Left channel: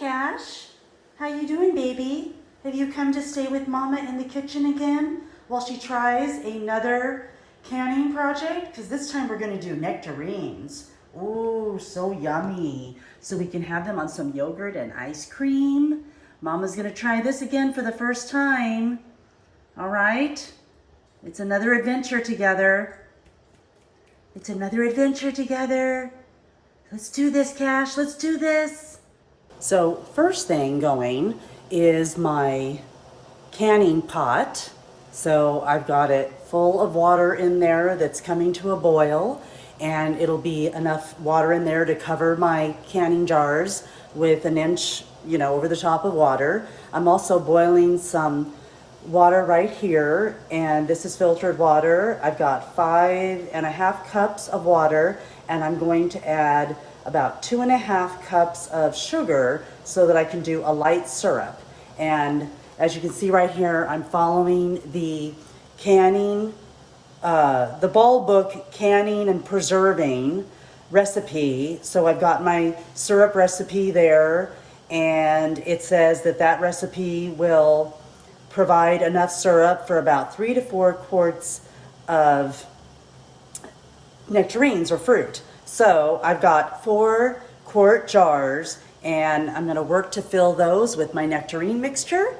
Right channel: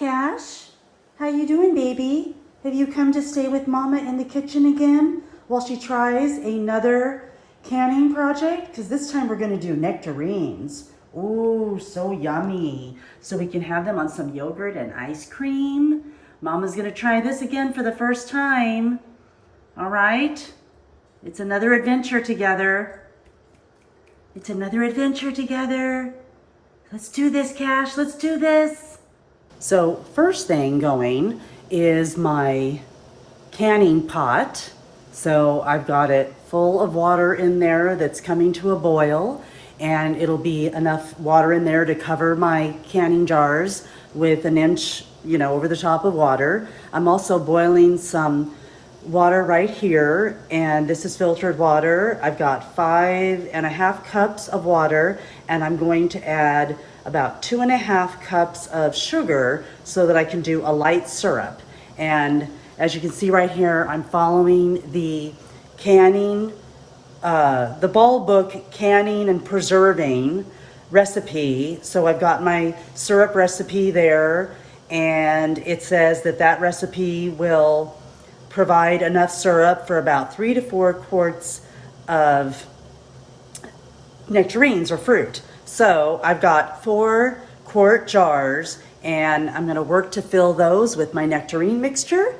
Cash. How you doing, baby? Have you come to stay with Mama in the kitchen again while she tries another canning project? Because this time we're going to do nectarines. Ooh, so yummy. So we can have them on some yogurt and ice cream. Mama's going to try this again for the first time. All right? It's another adventure together. It's another adventure together. Let's do this, Cash. Let's do this. So first thing going is my canning pot. So I've got it full of water in there that's coming to a boil, and it'll be enough water in there to cover my canning jars with an inch, over the top of water. I'm also boiling some water right here, and this is filtered water. I've got 5.5 cups of water, and I'm going to add about 2.5 cups of sugar so that I can do a light syrup. And as you can see right here, I'm following the canning, the Ball Book Canning and Preserving recipe. So I've got my syrup recipe there, and it says that that recipe will provide enough syrup for about 3 to 4 quarts of nectarines or fruit. So I've got 4-quart jars, and I'm going to work to fill those with my nectarine mixture,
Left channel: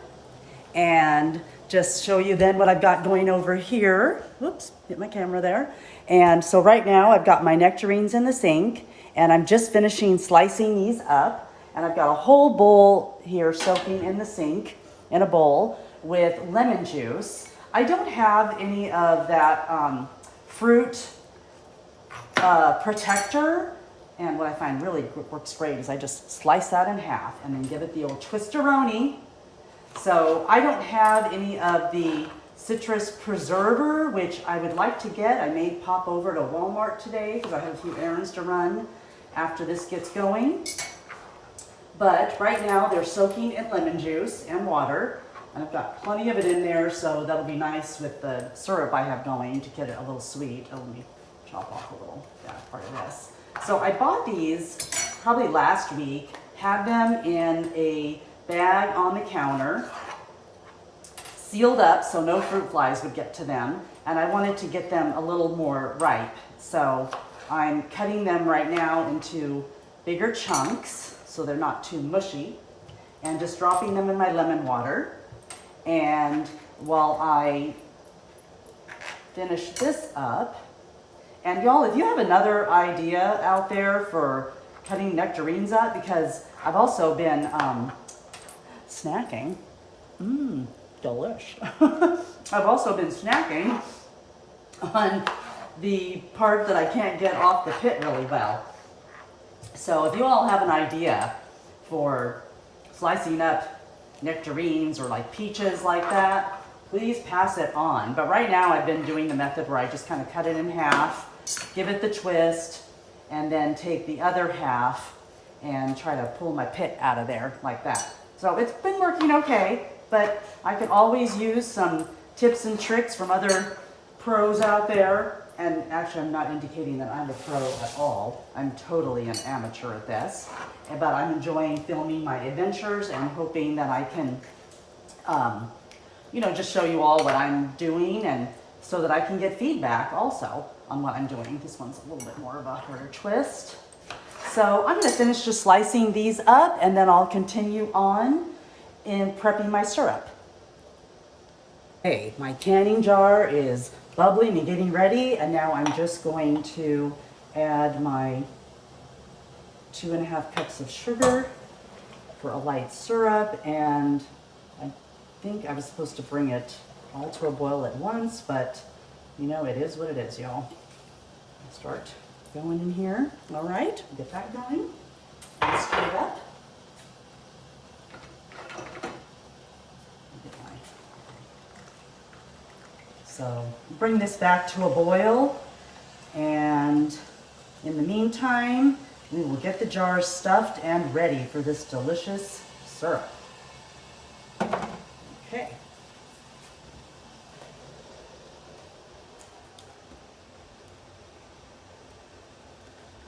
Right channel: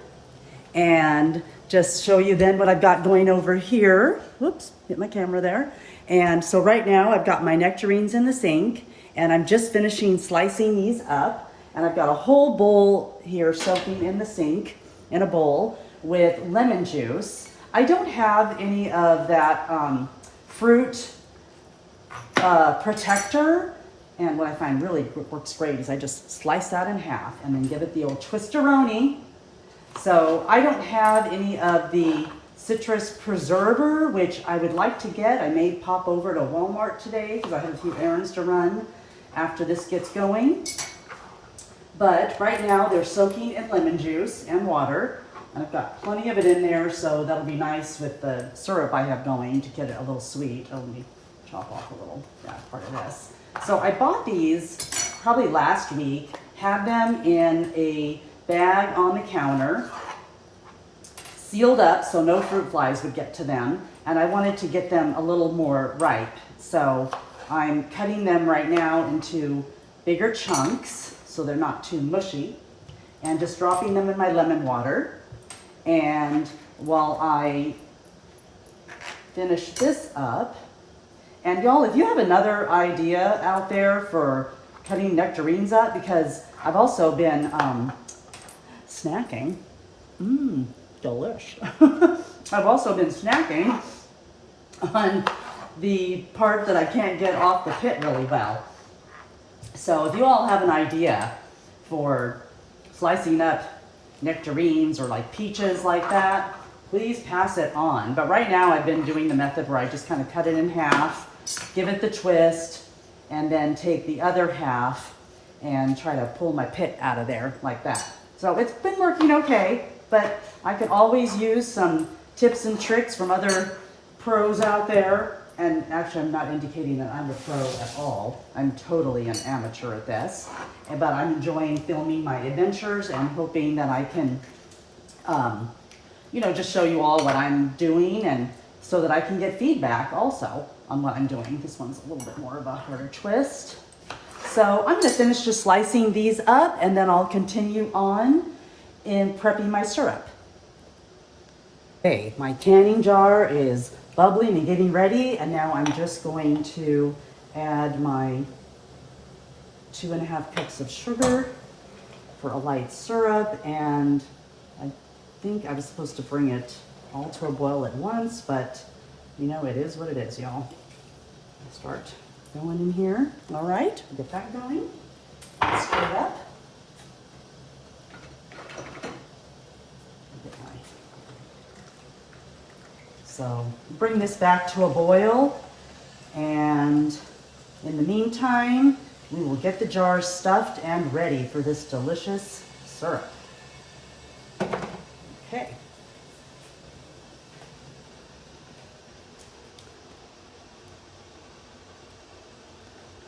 and just show you then what I've got going over here. Whoops, hit my camera there. And so right now I've got my nectarines in the sink, and I'm just finishing slicing these up, and I've got a whole bowl here soaking in the sink in a bowl with lemon juice. I don't have any of that fruit protector, and what I find really works great is I just slice that in half and then give it the old twisteroni. So I don't have any of the citrus preserver, which I would like to get. I may pop over to Walmart today because I have a few errands to run after this gets going. But right now they're soaking in lemon juice and water, and I've got plenty of it in there, so that'll be nice with the syrup I have going to get it a little sweet. Oh, let me chop off a little part of this. So I bought these probably last week, had them in a bag on the counter, sealed up so no fruit flies would get to them, and I wanted to get them a little more ripe. So I'm cutting them right now into bigger chunks so they're not too mushy, and just dropping them in my lemon water. And while I finish this up, and y'all, if you have another idea out there for cutting nectarines up, because I've also been snacking, delish. I've also been snacking on the part that I can't get off the pit really well. So if you all have an idea for slicing up nectarines or like peaches like that, please pass it on. But right now I've been doing the method where I just kind of cut it in half, give it the twist, and then take the other half and try to pull my pit out of there like that. So it's been working okay, but I could always use some tips and tricks from other pros out there. And actually, I'm not indicating that I'm a pro at all. I'm totally an amateur at this. But I'm enjoying filming my adventures and hoping that I can, just show you all what I'm doing, and so that I can get feedback also on what I'm doing. This one's a little bit more of a harder twist. So I'm going to finish just slicing these up, and then I'll continue on in prepping my syrup. Okay, my canning jar is bubbling and getting ready, and now I'm just going to add my 2.5 cups of sugar for a light syrup, and I think I was supposed to bring it all to a boil at once, but it is what it is, y'all. I'll start going in here. All right, get that going. Stir it up. So bring this back to a boil, and in the meantime, we will get the jars stuffed and ready for this delicious syrup. Okay.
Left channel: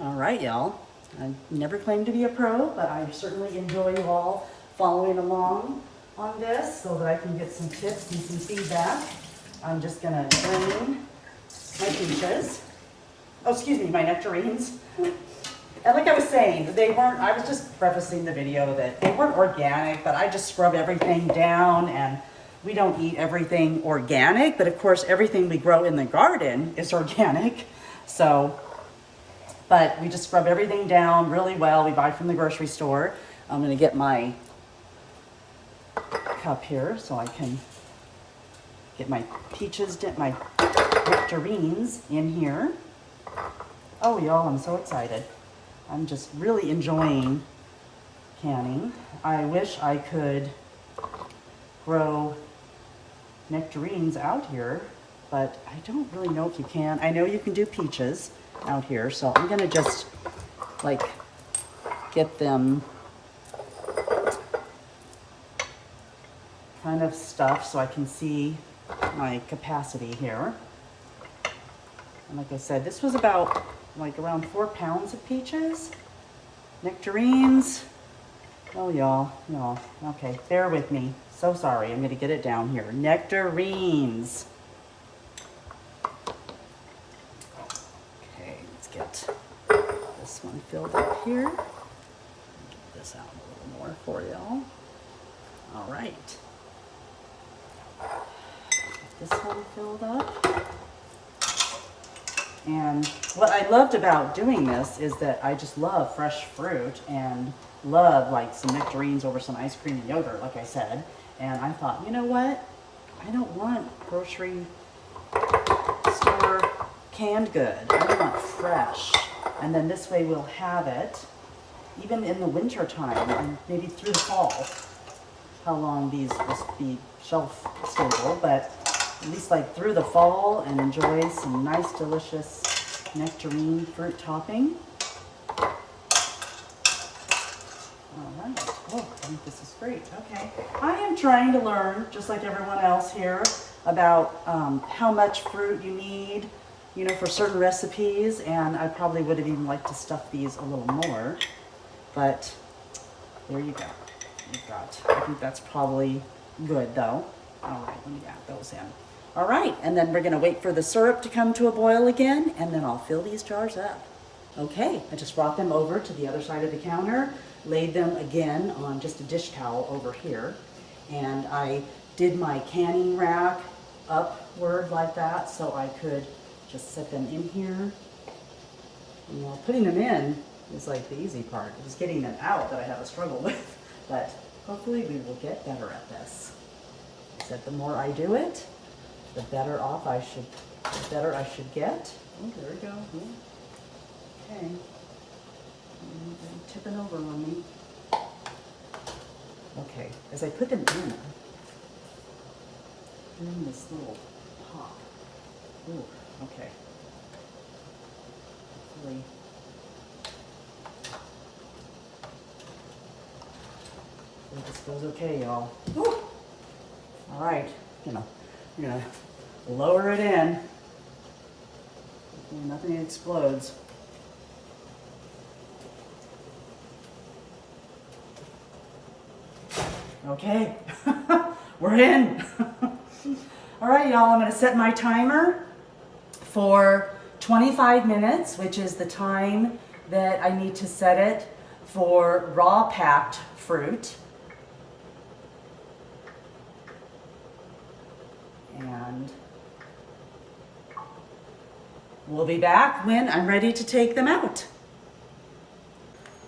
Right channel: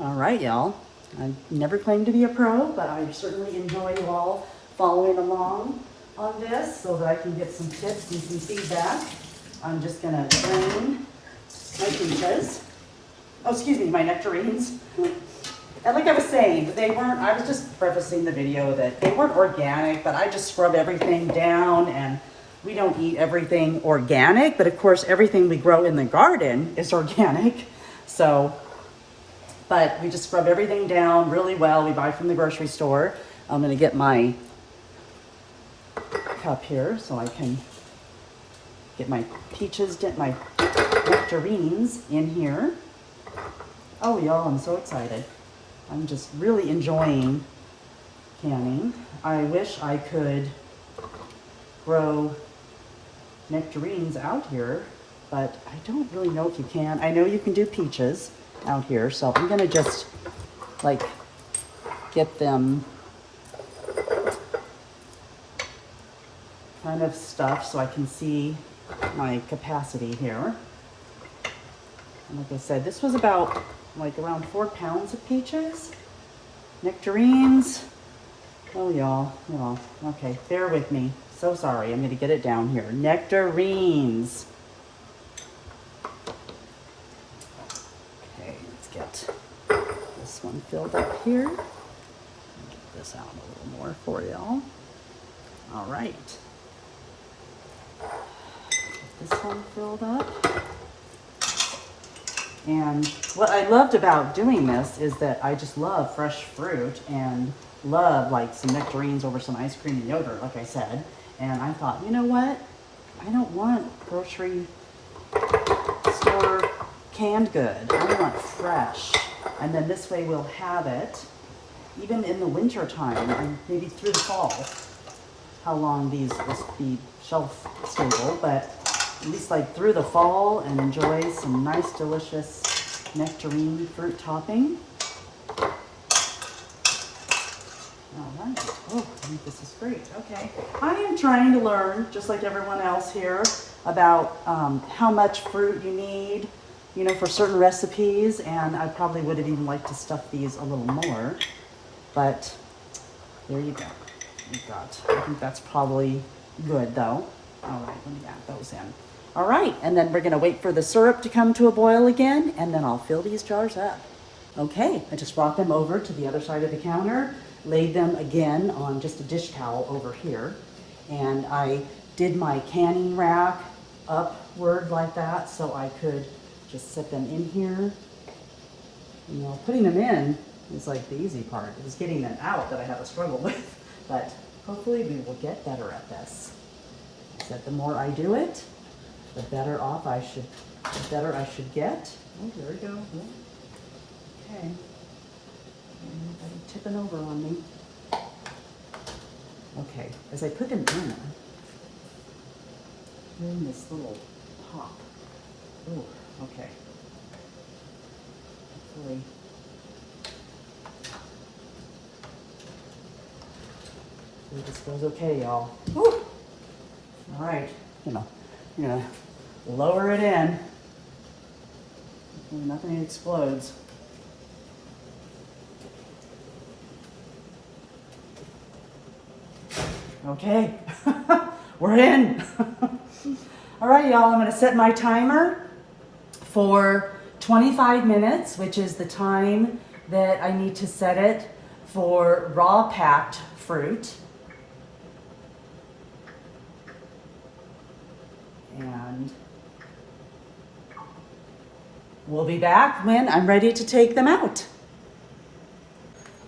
All right, y'all. I never claimed to be a pro, but I certainly enjoy you all following along on this so that I can get some tips and some feedback. I'm just gonna drain my peaches. Oh, excuse me, my nectarines. And like I was saying, I was just prefacing the video that they weren't organic, but I just scrub everything down, and we don't eat everything organic, but of course everything we grow in the garden is organic. So, but we just scrub everything down really well. We buy from the grocery store. I'm gonna get my cup here so I can get my peaches, my nectarines in here. Oh y'all, I'm so excited. I'm just really enjoying canning. I wish I could grow nectarines out here, but I don't really know if you can. I know you can do peaches out here, so I'm gonna just like get them kind of stuffed so I can see my capacity here. And like I said, this was about like around 4 pounds of peaches, nectarines. Oh y'all, okay, bear with me. So sorry, I'm gonna get it down here. Nectarines. Okay, let's get this one filled up here. Get this out a little more for y'all. All right. Get this one filled up. And what I loved about doing this is that I just love fresh fruit and love like some nectarines over some ice cream and yogurt, like I said. And I thought, you know what? I don't want grocery store canned good. I want fresh. And then this way we'll have it even in the winter time and maybe through the fall. How long these will be shelf stable, but at least like through the fall and enjoy some nice delicious nectarine fruit topping. All right. Oh, I think this is great. Okay. I am trying to learn, just like everyone else here, about how much fruit you need, you know, for certain recipes. And I probably would have even liked to stuff these a little more, but there you go. You've got, I think that's probably good though. All right, let me add those in. All right, and then we're gonna wait for the syrup to come to a boil again, and then I'll fill these jars up. Okay, I just brought them over to the other side of the counter, laid them again on just a dish towel over here, and I did my canning rack upward like that so I could just set them in here. You know, putting them in is like the easy part. It was getting them out that I had a struggle with, but hopefully we will get better at this. I said the more I do it, the better I should get. Oh, there we go. Okay. Tipping over on me. Okay, as I put them in this little pot. Ooh, okay. Hopefully. This goes okay, y'all. Woo! All right, I'm gonna lower it in. Nothing explodes. Okay, we're in. All right, y'all, I'm gonna set my timer for 25 minutes, which is the time that I need to set it for raw packed fruit. And we'll be back when I'm ready to take them out.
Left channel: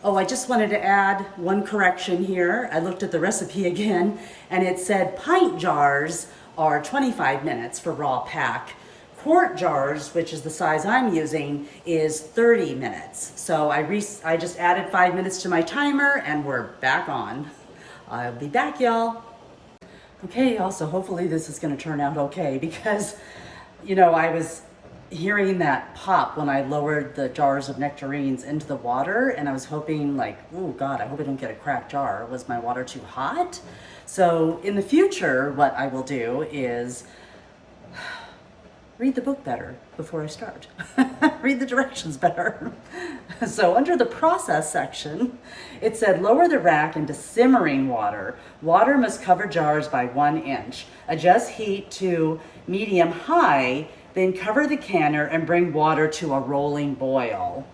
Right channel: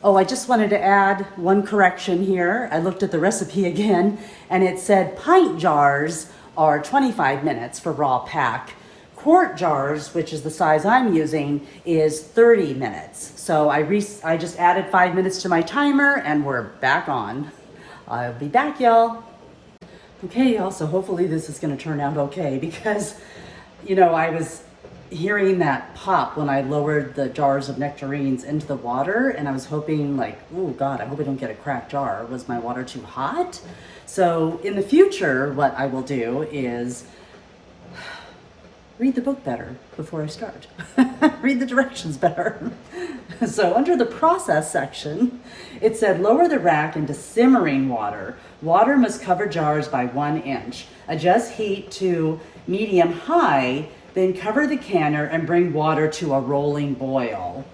Oh, I just wanted to add one correction here. I looked at the recipe again, and it said pint jars are 25 minutes for raw pack. Quart jars, which is the size I'm using, is 30 minutes. So I just added 5 minutes to my timer, and we're back on. I'll be back, y'all. Okay, y'all, so hopefully this is gonna turn out okay, because, you know, I was hearing that pop when I lowered the jars of nectarines into the water, and I was hoping like, oh God, I hope I don't get a cracked jar. Was my water too hot? So in the future, what I will do is read the book better before I start. Read the directions better. So under the process section, it said lower the rack into simmering water. Water must cover jars by 1 inch. Adjust heat to medium high, then cover the canner and bring water to a rolling boil.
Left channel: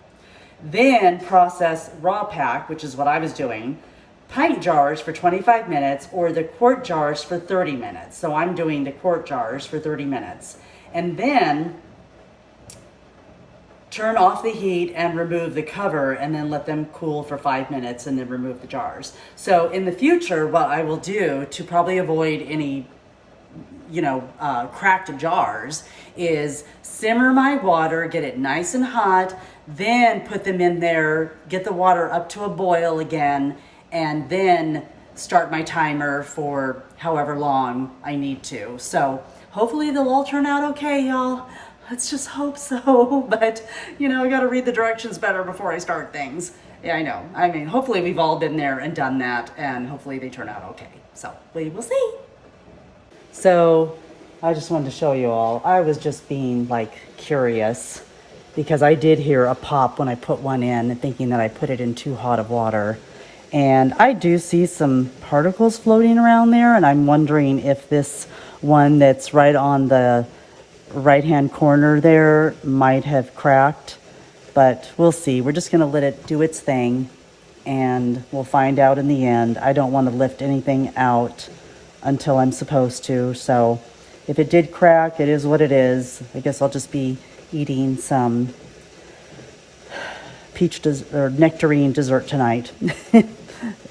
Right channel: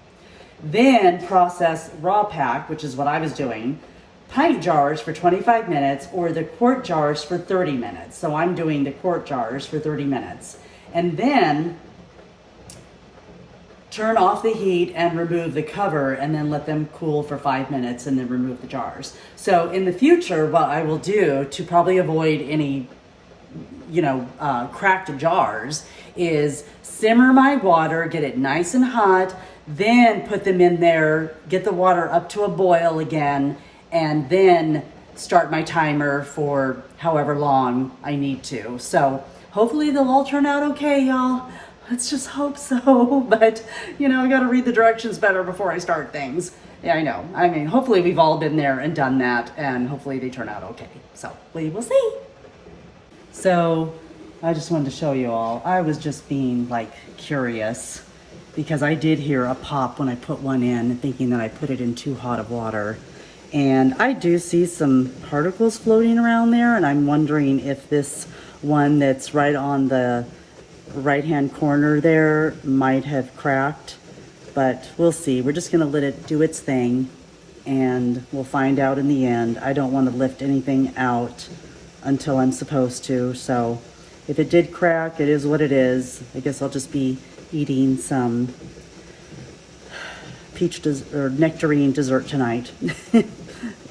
Then process raw pack, which is what I was doing, pint jars for 25 minutes or the quart jars for 30 minutes. So I'm doing the quart jars for 30 minutes. And then turn off the heat and remove the cover and then let them cool for 5 minutes and then remove the jars. So in the future, what I will do to probably avoid any, cracked jars is simmer my water, get it nice and hot, then put them in there, get the water up to a boil again, and then start my timer for however long I need to. So hopefully they'll all turn out okay, y'all. Let's just hope so. But, we got to read the directions better before I start things. Yeah, I know. I mean, hopefully we've all been there and done that, and hopefully they turn out okay. So we will see. So I just wanted to show you all. I was just being curious because I did hear a pop when I put one in, thinking that I put it in too hot of water. And I do see some particles floating around there, and I'm wondering if this one that's right on the right-hand corner there might have cracked, but we'll see. We're just gonna let it do its thing, and we'll find out in the end. I don't want to lift anything out until I'm supposed to, so if it did crack, it is what it is. I guess I'll just be eating some nectarine dessert tonight.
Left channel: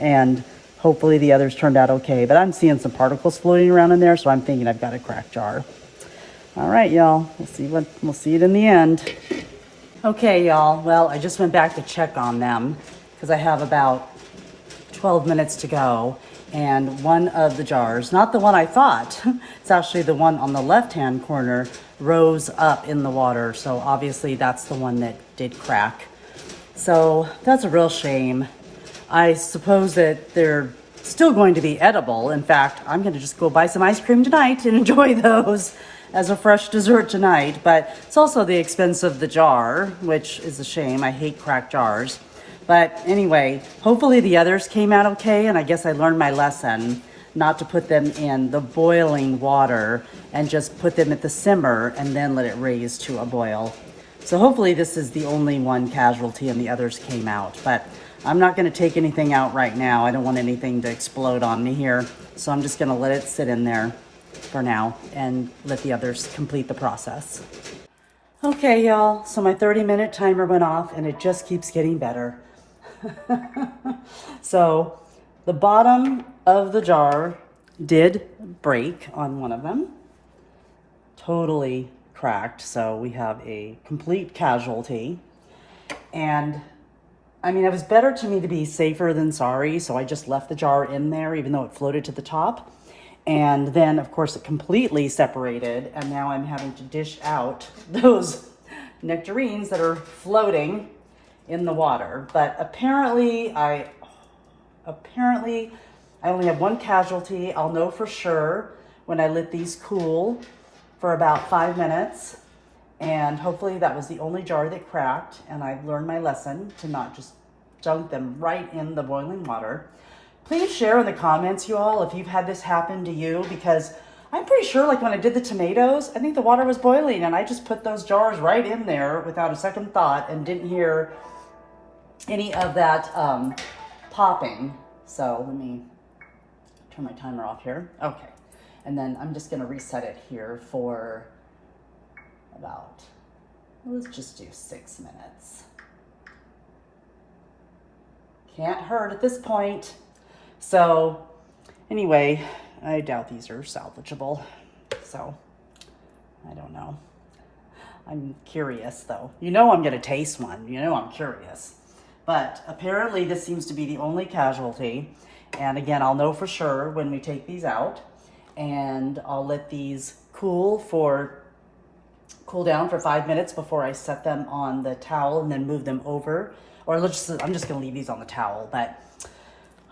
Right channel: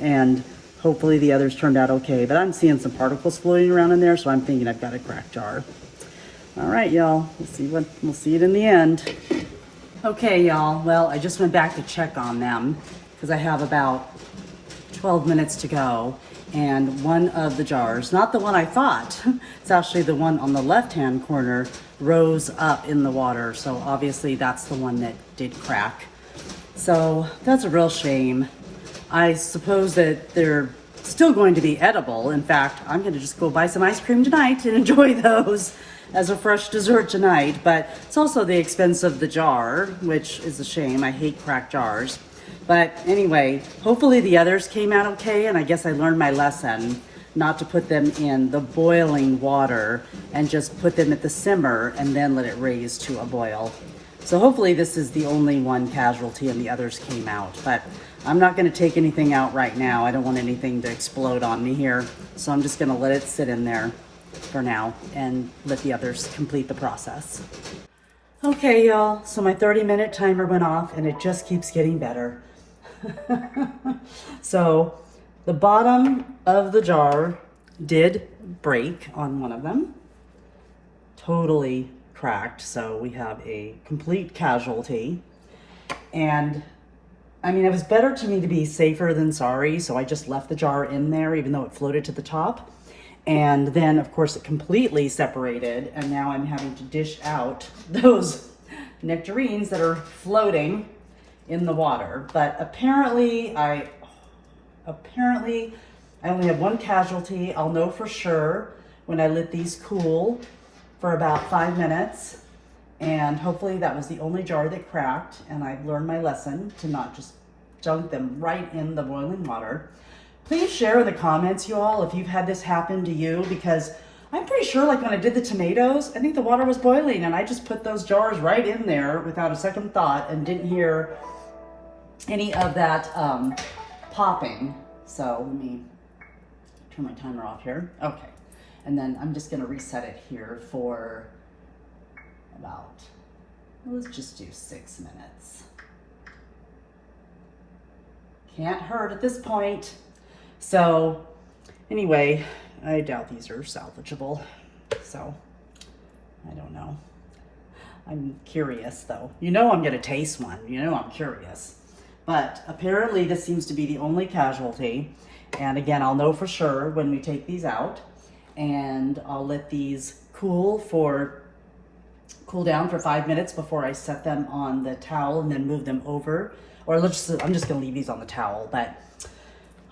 And hopefully the others turned out okay. But I'm seeing some particles floating around in there, so I'm thinking I've got a cracked jar. All right, y'all. We'll see it in the end. Okay, y'all. Well, I just went back to check on them because I have about 12 minutes to go. And one of the jars, not the one I thought, it's actually the one on the left-hand corner, rose up in the water. So obviously that's the one that did crack. So that's a real shame. I suppose that they're still going to be edible. In fact, I'm going to just go buy some ice cream tonight and enjoy those as a fresh dessert tonight. But it's also the expense of the jar, which is a shame. I hate cracked jars. But anyway, hopefully the others came out okay, and I guess I learned my lesson not to put them in the boiling water and just put them at the simmer and then let it raise to a boil. So hopefully this is the only one casualty and the others came out. But I'm not going to take anything out right now. I don't want anything to explode on me here. So I'm just going to let it sit in there for now and let the others complete the process. Okay, y'all. So my 30-minute timer went off and it just keeps getting better. So the bottom of the jar did break on one of them. Totally cracked. So we have a complete casualty. And I mean, it was better to me to be safer than sorry, so I just left the jar in there even though it floated to the top. And then, of course, it completely separated, and now I'm having to dish out those nectarines that are floating in the water. But apparently I only had one casualty. I'll know for sure when I let these cool for about 5 minutes. And hopefully that was the only jar that cracked, and I've learned my lesson to not just dunk them right in the boiling water. Please share in the comments, you all, if you've had this happen to you, because I'm pretty sure when I did the tomatoes, I think the water was boiling and I just put those jars right in there without a second thought and didn't hear any of that popping. So let me turn my timer off here. Okay. And then I'm just gonna reset it here for about, let's just do 6 minutes. Can't hurt at this point. So anyway, I doubt these are salvageable. So I don't know. I'm curious though. I'm gonna taste one. I'm curious. But apparently this seems to be the only casualty. And again, I'll know for sure when we take these out. And I'll let these cool down for 5 minutes before I set them on the towel and then move them over. Or I'm just gonna leave these on the towel. But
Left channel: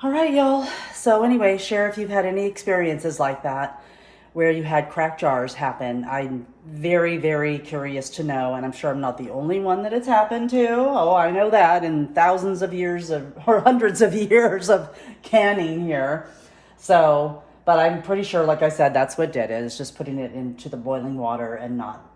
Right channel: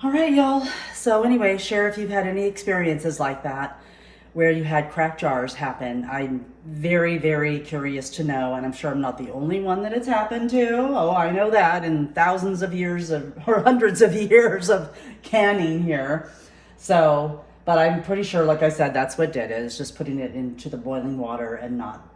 all right, y'all. So anyway, share if you've had any experiences like that where you had cracked jars happen. I'm very, very curious to know, and I'm sure I'm not the only one that it's happened to. Oh, I know that in thousands of years of, or hundreds of years of canning here. So, but I'm pretty sure, like I said, that's what did it. It's just putting it into the boiling water and not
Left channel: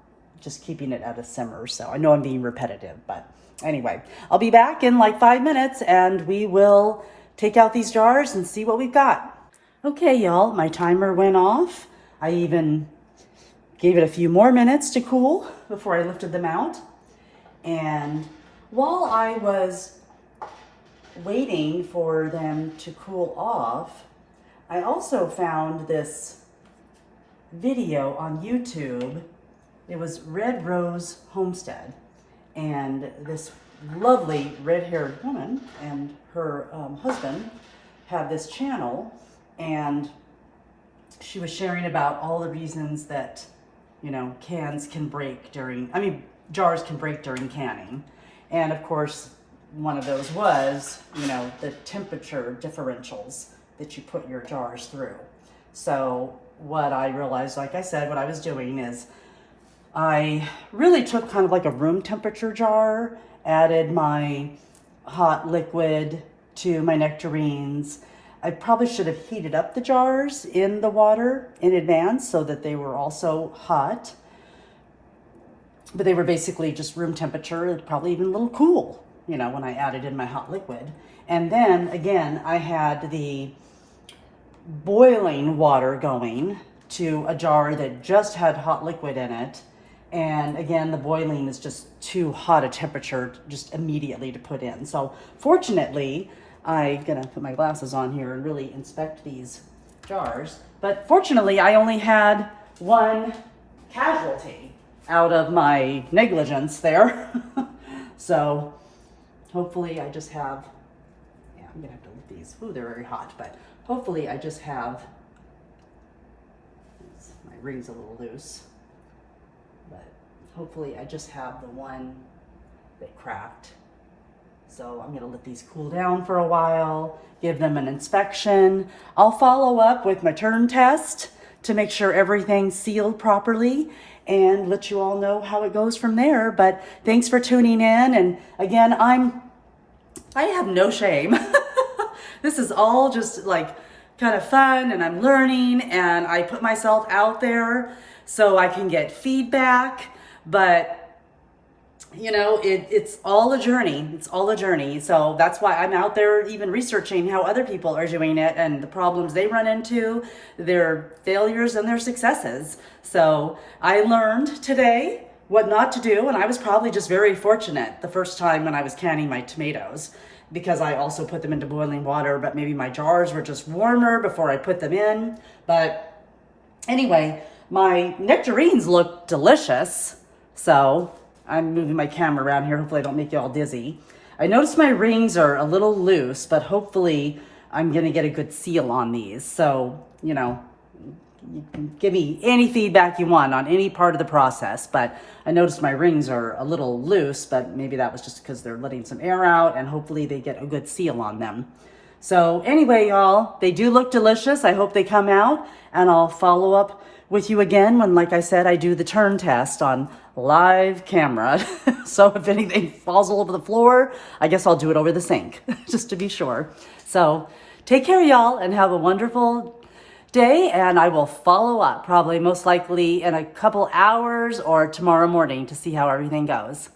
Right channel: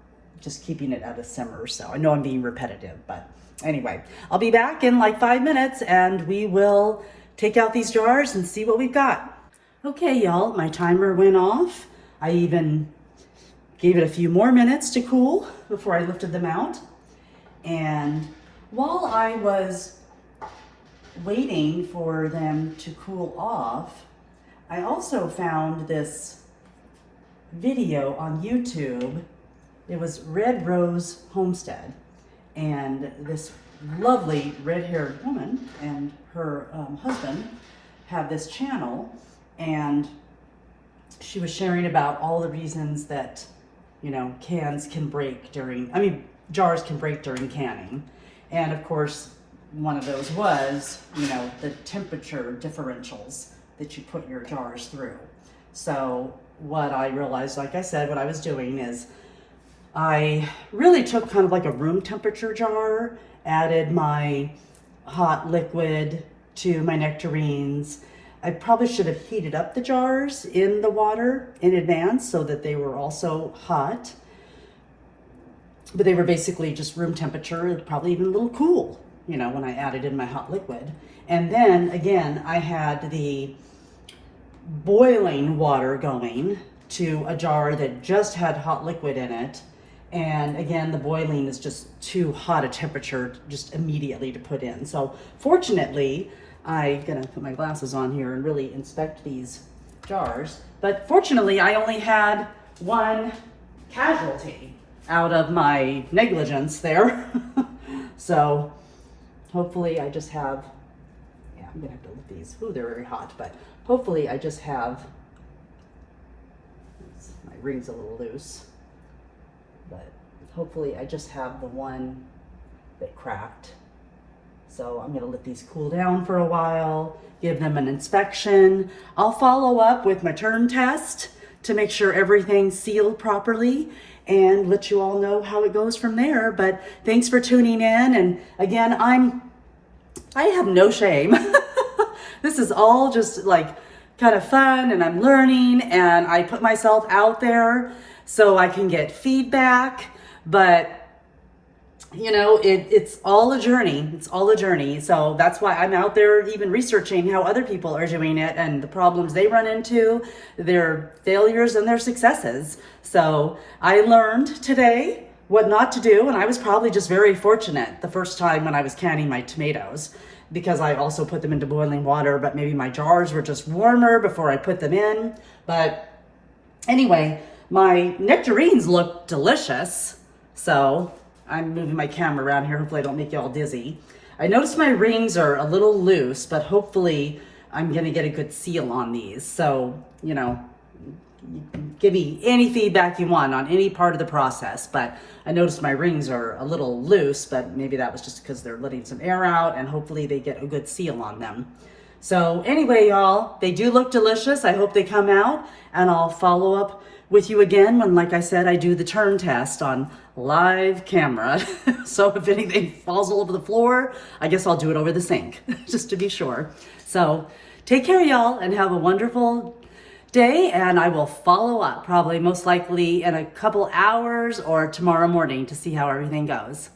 just keeping it at a simmer. So I know I'm being repetitive, but anyway, I'll be back in like 5 minutes and we will take out these jars and see what we've got. Okay, y'all, my timer went off. I even gave it a few more minutes to cool before I lifted them out. And while I was waiting for them to cool off, I also found this video on YouTube. It was Red Rose Homestead, and this lovely red-haired woman and her husband have this channel, and she was sharing about all the reasons that, you know, jars can break during canning. And of course, one of those was, you know, the temperature differentials that you put your jars through. So what I realized, like I said, what I was doing is I really took kind of like a room temperature jar, added my hot liquid to my nectarines. I probably should have heated up the jars in the water in advance so that they were also hot. But they were basically just room temperature, probably even a little cool, you know, when I added in my hot liquid. And then again, I had the boiling water going to a jar that just had hot liquid in it. And again, the boiling is just too hot a temperature just immediately to put in. So fortunately, I'm gonna put my glasses on here and really inspect these jars. But fortunately, I only had one casualty out of my negligence there. So hopefully I just have, yeah, I'm gonna have to lift these. Ooh, they're very hot, but hopefully I just have, my ring's a little loose, but hopefully I just have the one that cracked. So I'm gonna let these cool down for a while, give them an inspection. I'll follow up with my term test to make sure everything's sealed properly and let you all know how it goes from there. But thanks for tuning in. And again, I have no shame. This is all just like kind of fun, and I'm learning, and I put myself out there so I can get feedback. But you know, it's all a journey. It's all a journey. So that's why I'm out there even researching how other people are doing it and the problems they run into, their failures and their successes. So I learned today what not to do, and I was probably just very fortunate the first time when I was canning my tomatoes, because I also put them into boiling water, but maybe my jars were just warmer before I put them in. But anyway, my nectarines look delicious. So I'm moving my camera around here. Hopefully I don't make you all dizzy. I noticed my rings are a little loose, but hopefully I'm gonna get a good seal on these. So, you know, you can give me any feedback you want on any part of the process, but I noticed my rings are a little loose, but maybe that was just because they're letting some air out, and hopefully they get a good seal on them. So anyway, y'all, they do look delicious. I hope they come out, and I'll follow up with you again when, like I said, I do the turn test on live camera. So if anything falls all over the floor, I guess I'll do it over the sink just to be sure. So take care, y'all, and have a wonderful day, and I will follow up probably most likely in a couple hours or tomorrow morning to see how everything goes.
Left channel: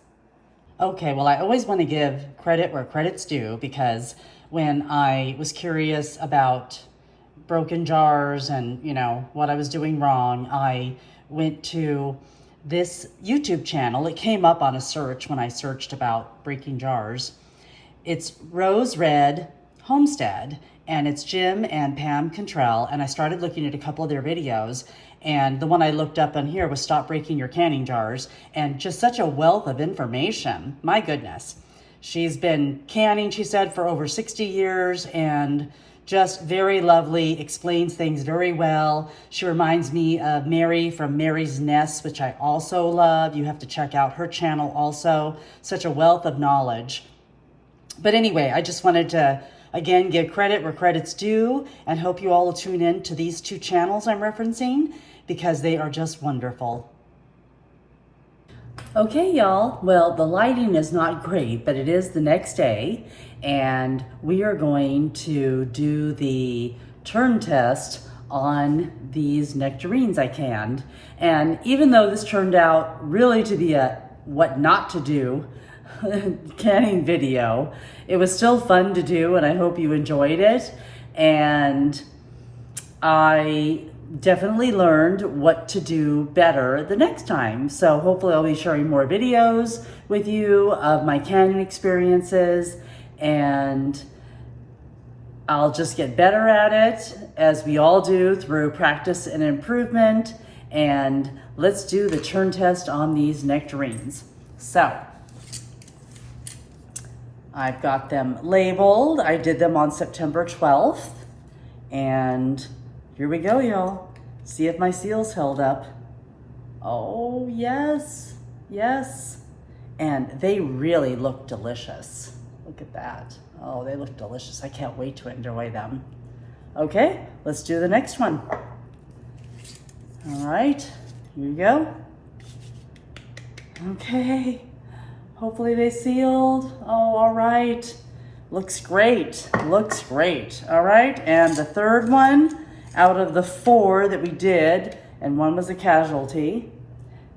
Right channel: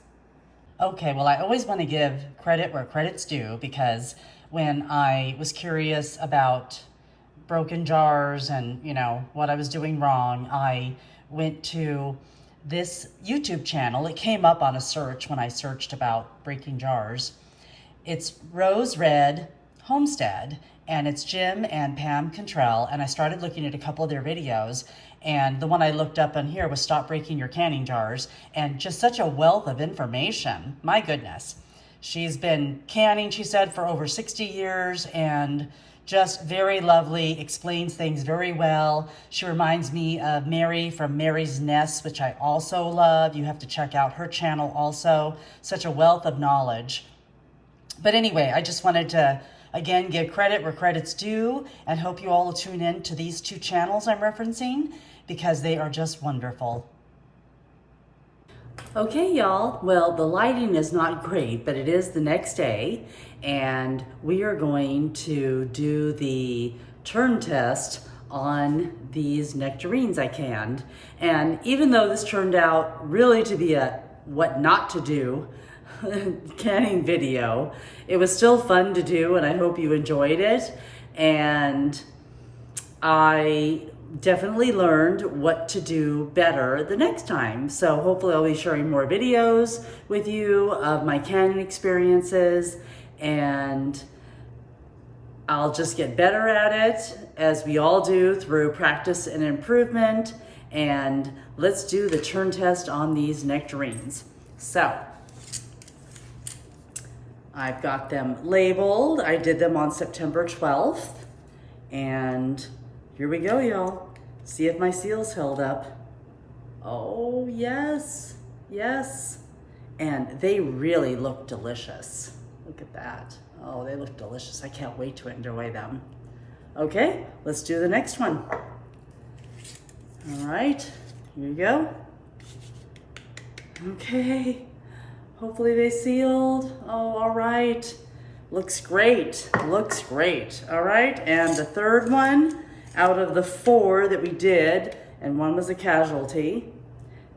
Okay, well, I always want to give credit where credit's due, because when I was curious about broken jars and, you know, what I was doing wrong, I went to this YouTube channel. It came up on a search when I searched about breaking jars. It's Rose Red Homestead, and it's Jim and Pam Cantrell, and I started looking at a couple of their videos, and the one I looked up on here was Stop Breaking Your Canning Jars, and just such a wealth of information. My goodness. She's been canning, she said, for over 60 years, and just very lovely, explains things very well. She reminds me of Mary from Mary's Nest, which I also love. You have to check out her channel also. Such a wealth of knowledge. But anyway, I just wanted to, again, give credit where credit's due, and hope you all will tune in to these two channels I'm referencing. because they are just wonderful. Okay, y'all. Well, the lighting is not great, but it is the next day, and we are going to do the turn test on these nectarines I canned. And even though this turned out really to be a what not to do canning video, it was still fun to do, and I hope you enjoyed it. And I definitely learned what to do better the next time. So hopefully I'll be sharing more videos with you of my canning experiences, and I'll just get better at it, as we all do, through practice and improvement. And let's do the turn test on these nectarines. So I've got them labeled. I did them on September 12th. And here we go, y'all. See if my seal's held up. Oh, yes, yes. And they really look delicious. Look at that. Oh, they look delicious. I can't wait to enjoy them. Okay, let's do the next one. All right, here you go. Okay, hopefully they sealed. Oh, all right. Looks great, looks great. All right, and the third one out of the 4 that we did, and one was a casualty,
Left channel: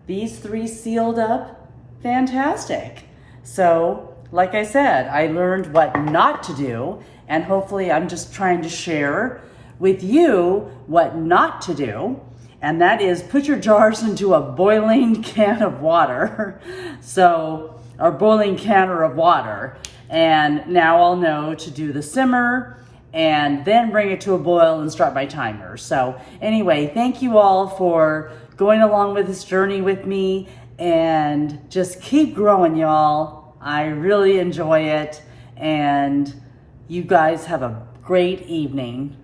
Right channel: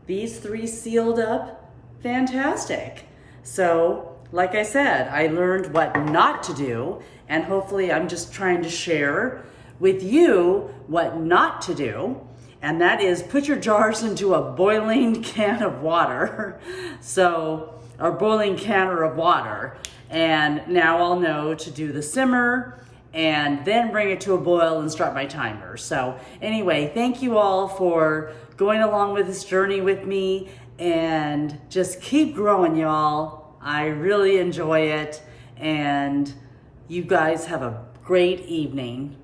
these 3 sealed up fantastic. So, like I said, I learned what not to do, and hopefully I'm just trying to share with you what not to do, and that is put your jars into a boiling can of water. So, or boiling canner of water. And now I'll know to do the simmer and then bring it to a boil and start my timer. So anyway, thank you all for going along with this journey with me, and just keep growing, y'all. I really enjoy it, and you guys have a great evening.